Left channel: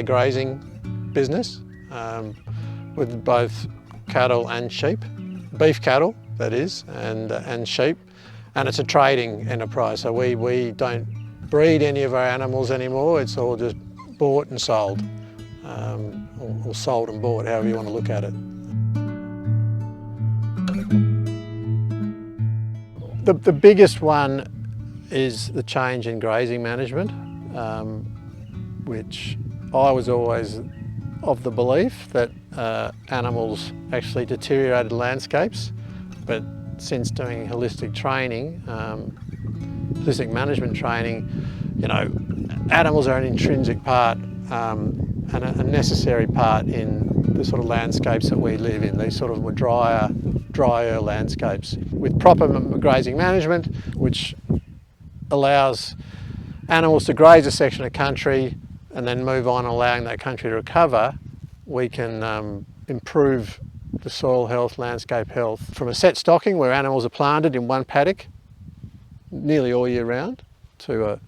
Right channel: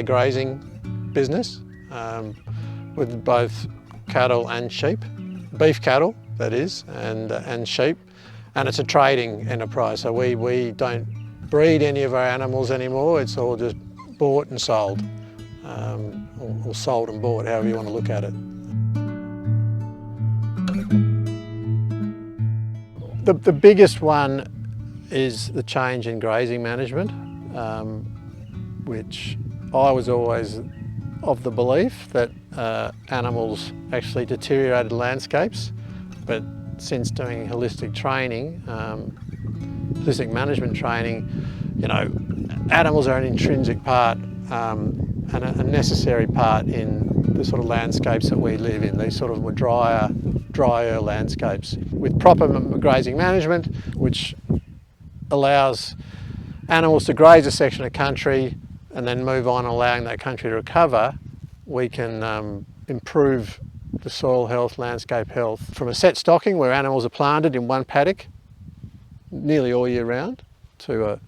a grazing business with both cattle and sheep, beef cattle that is, and sheep, and it's a trading enterprise. So we don't breed any of our animals anymore. It's all just bought and sold, or sold and bought, however you want to look at it. The biggest one is the change in grazing management, which I was always of the belief that animals actually deteriorated landscapes, but since doing holistic training, holistic management training, you know, animals are an intrinsic part and a necessary part in the sort of landscapes that we live in, these sort of drier landscapes. With proper grazing management, which allows animals to graze a section of country and then move on, allowing that country to recover, we can improve the soil health, landscape health. From a set stocking where animals are planted in one paddock nearly all year round, to a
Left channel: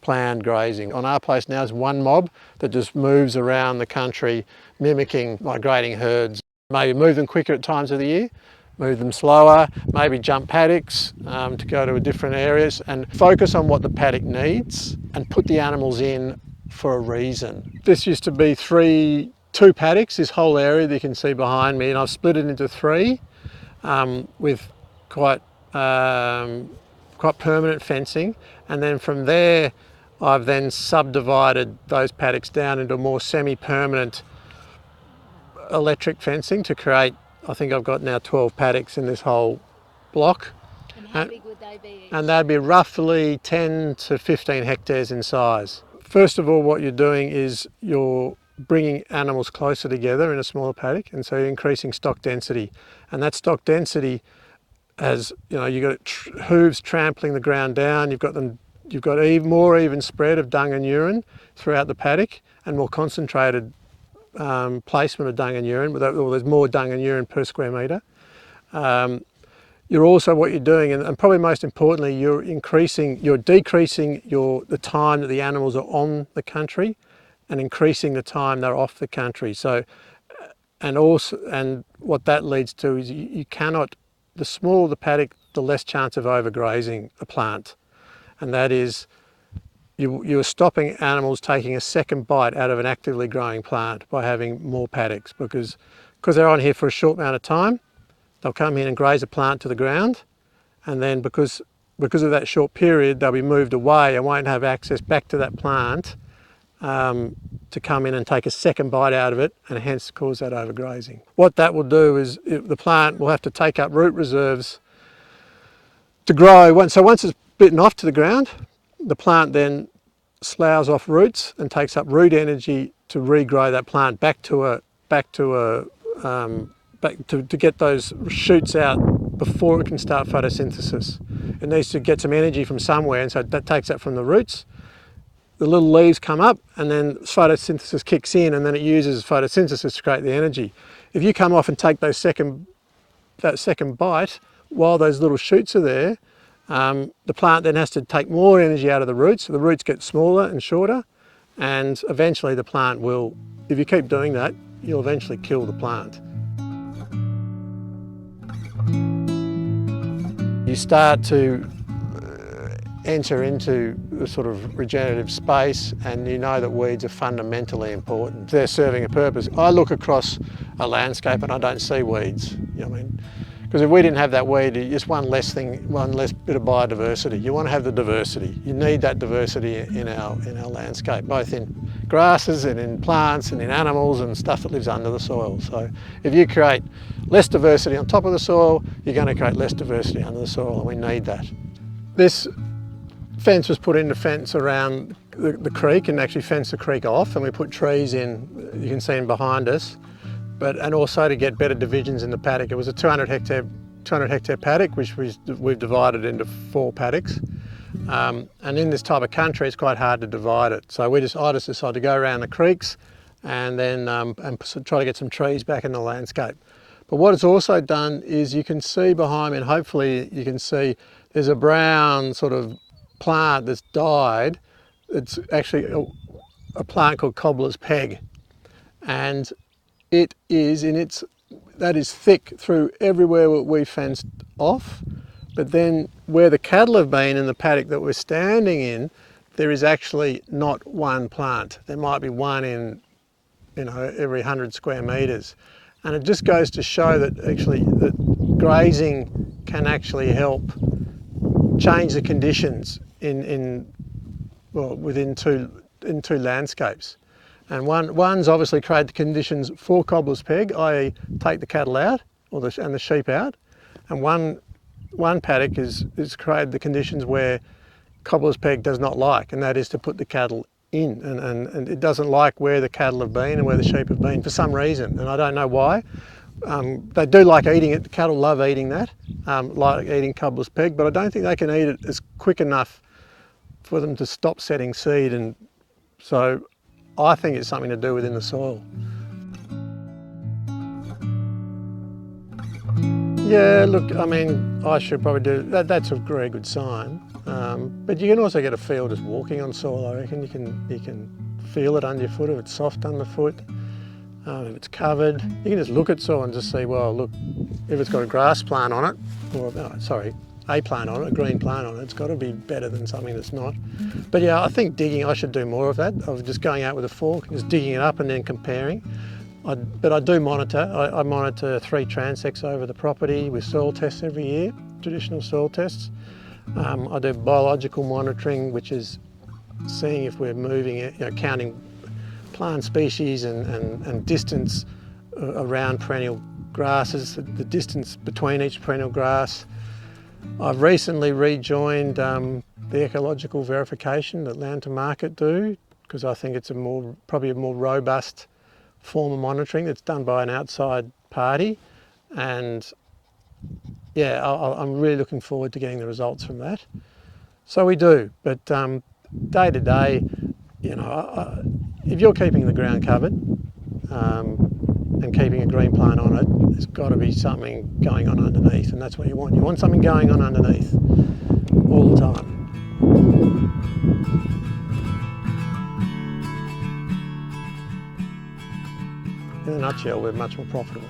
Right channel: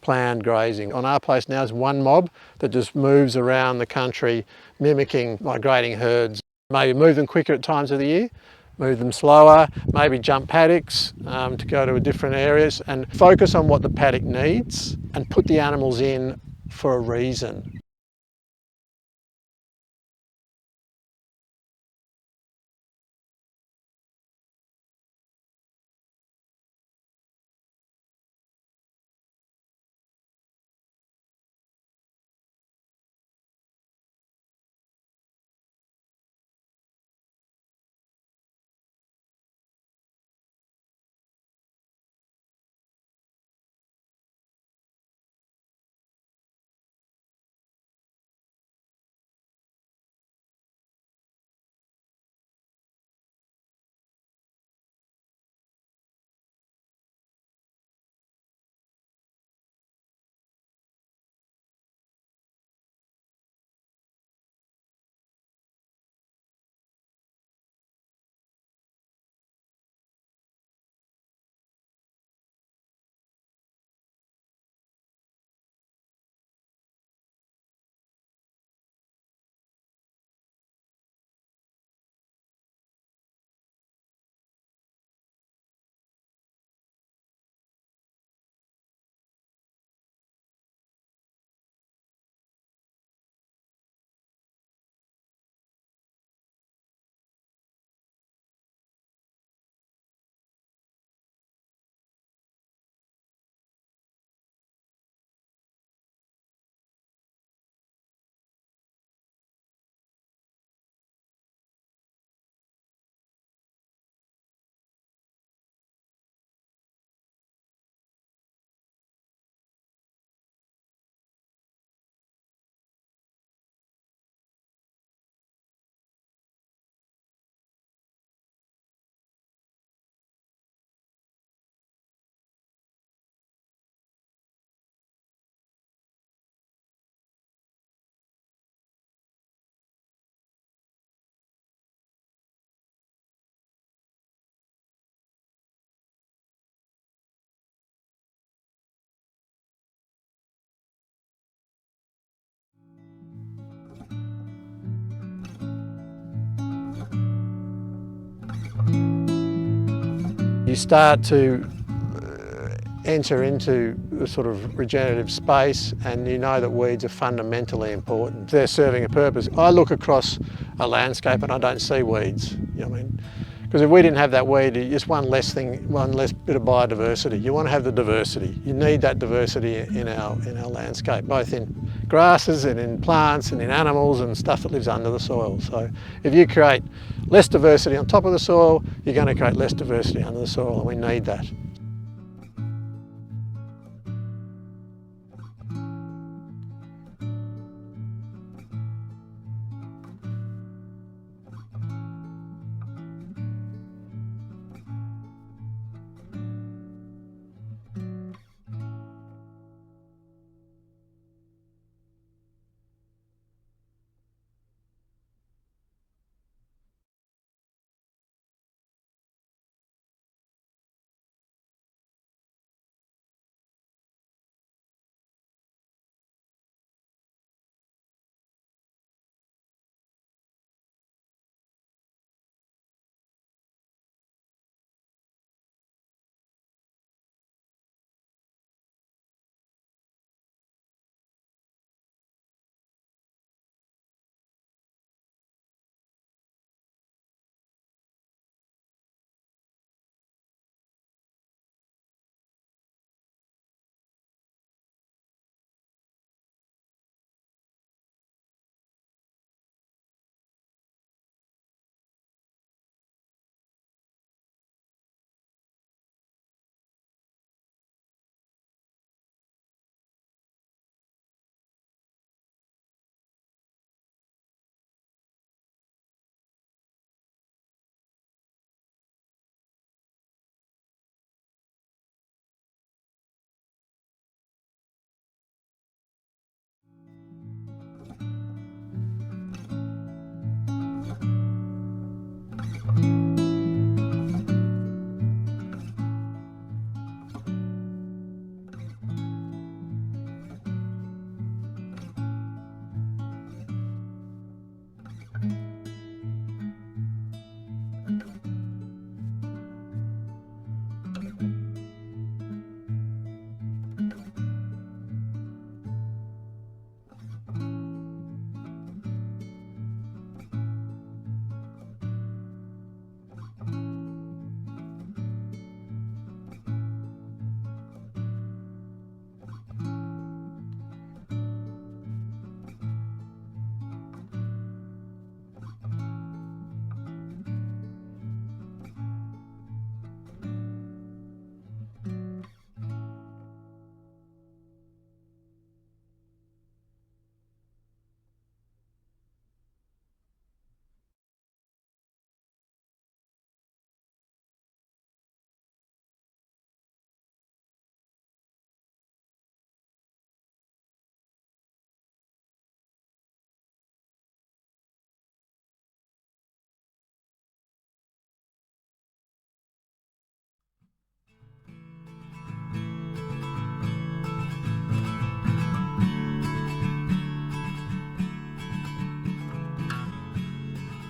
planned grazing. On our place now is one mob that just moves around the country mimicking migrating herds. Maybe move them quicker at times of the year, move them slower, maybe jump paddocks to go to different areas, and focus on what the paddock needs and put the animals in for a reason. This used to be two paddocks, this whole area that you can see behind me, and I've split it into three with quite permanent fencing, and then from there I've then subdivided those paddocks down into more semi-permanent electric fencing to create, I think I've got now 12 paddocks in this whole block. And how big would they be each? And they'd be roughly 10 to 15 hectares in size. First of all, what you're doing is you're bringing animals closer together in a smaller paddock, and so you're increasing stock density. And that stock density has, you know, you've got hooves trampling the ground down, you've got more even spread of dung and urine throughout the paddock, and more concentrated placement of dung and urine, or there's more dung and urine per square metre. You're also, what you're doing, and probably most importantly, you're decreasing the time that the animals are on the country, and increasing the time they're off the country. So, and what that leads to is you cannot, the smaller the paddock, the less chance of overgrazing a plant, and that is you're stopping animals taking a second bite out of an actively growing plant by having more paddocks, because they're on here for a short amount of time. They'll come in and graze a plant to the ground, and then because of that short period, they'll be moved away and won't have access back to that plant to come in and take a second bite out of it, and hence cause that overgrazing. What that will do is the plant will have to take up root reserves to grow. So once it's bitten off to the ground, the plant then sloughs off roots and takes up root energy to regrow that plant back to get those shoots out before it can start photosynthesis. It needs to get some energy from somewhere, and so that takes that from the roots. The little leaves come up, and then photosynthesis kicks in, and then it uses photosynthesis to create the energy. If you come off and take that second bite while those little shoots are there, the plant then has to take more energy out of the roots. So the roots get smaller and shorter, and eventually the plant will, if you keep doing that, you'll eventually kill the plant. You start to enter into the sort of regenerative space, and you know that weeds are fundamentally important. They're serving a purpose. I look across a landscape and I don't see weeds. You know what I mean? Because if we didn't have that weed, it's one less bit of biodiversity. You want to have the diversity. You need that diversity in our landscape, both in grasses and in plants and in animals and stuff that lives under the soil. So if you create less diversity on top of the soil, you're going to create less diversity under the soil, and we need that. This fence was put in to fence around the creek and actually fence the creek off, and we put trees in, you can see them behind us. And also to get better divisions in the paddock. It was a 200 hectare paddock, which we've divided into 4 paddocks. And in this type of country, it's quite hard to divide it. So I just decided to go around the creeks and then and try to get some trees back in the landscape. But what it's also done is, you can see behind me, and hopefully you can see, there's a brown sort of plant that's died. It's actually a plant called cobbler's peg, and it is that is thick through everywhere we fenced off, but then where the cattle have been in the paddock that we're standing in, there is actually not one plant. There might be one in, every 100 square metres. And it just goes to show that actually that grazing can actually help change the conditions within two landscapes. And one's obviously create the conditions for cobbler's peg, i.e. take the cattle out and the sheep out. And one paddock is created the conditions where cobbler's peg does not like, and that is to put the cattle in. And it doesn't like where the cattle have been and where the sheep have been for some reason, and I don't know why. They do like eating it. The cattle love eating that, like eating cobbler's peg, but I don't think they can eat it as quick enough for them to stop setting seed. And so I think it's something to do within the soil. Yeah, look, I mean, I should probably do that. That's a very good sign. But you can also get a feel just walking on soil. I reckon you can feel it under your foot, if it's soft underfoot, if it's covered. You can just look at soil and just see, well, look, if it's got a grass plant on it, or a plant on it, a green plant on it, it's got to be better than something that's not. But yeah, I think digging, I should do more of that, of just going out with a fork, just digging it up and then comparing. But I do monitor. I monitor 3 transects over the property with soil tests every year, traditional soil tests. I do biological monitoring, which is seeing if we're moving it, counting plant species and distance around perennial grasses, the distance between each perennial grass. I've recently rejoined the ecological verification that Land to Market do, because I think it's probably a more robust form of monitoring that's done by an outside party. And yeah, I'm really looking forward to getting the results from that. So we do, but day to day, if you're keeping the ground covered and keeping a green plant on it, there's got to be something going on underneath, and that's what you want. You want something going on underneath all the time. In a nutshell, we're much more profitable.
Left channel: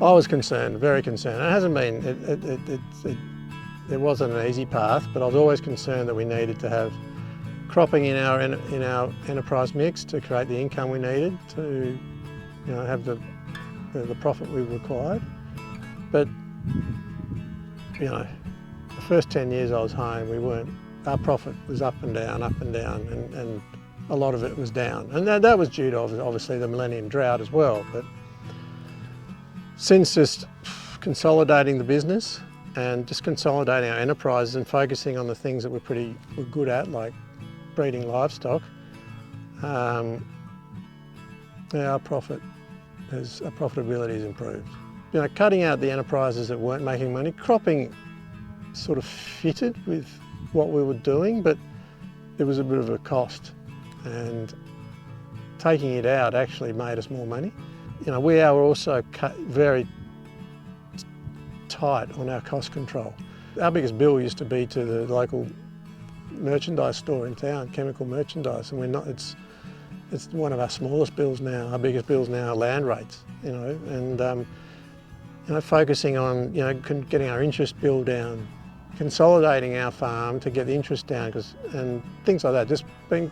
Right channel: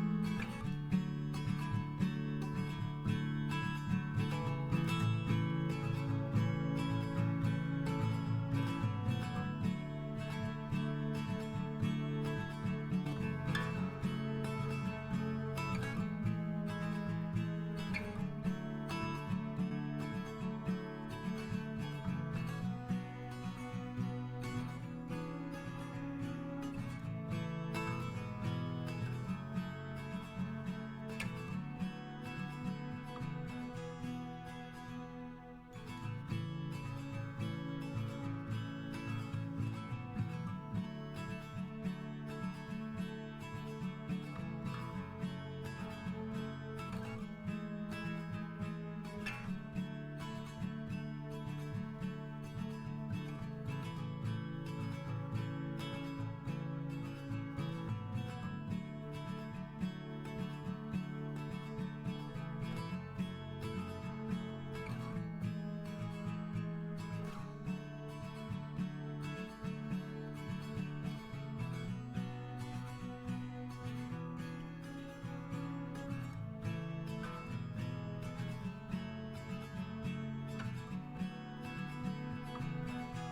I was concerned, very concerned. It hasn't been, it wasn't an easy path, but I was always concerned that we needed to have cropping in our enterprise mix to create the income we needed to have the profit we required. But the first 10 years I was home, our profit was up and down, and a lot of it was down. And that was due to obviously the Millennium drought as well. But since just consolidating the business and just consolidating our enterprises and focusing on the things that we're good at, like breeding livestock, our profitability has improved. Cutting out the enterprises that weren't making money, cropping sort of fitted with what we were doing, but it was a bit of a cost, and taking it out actually made us more money. We are also very tight on our cost control. Our biggest bill used to be to the local merchandise store in town, chemical merchandise, and we're not. It's one of our smallest bills now. Our biggest bills now are land rates, and focusing on getting our interest bill down, consolidating our farm to get the interest down, and things like that. Just being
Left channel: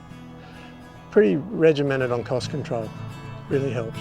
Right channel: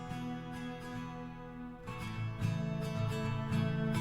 pretty regimented on cost control really helps.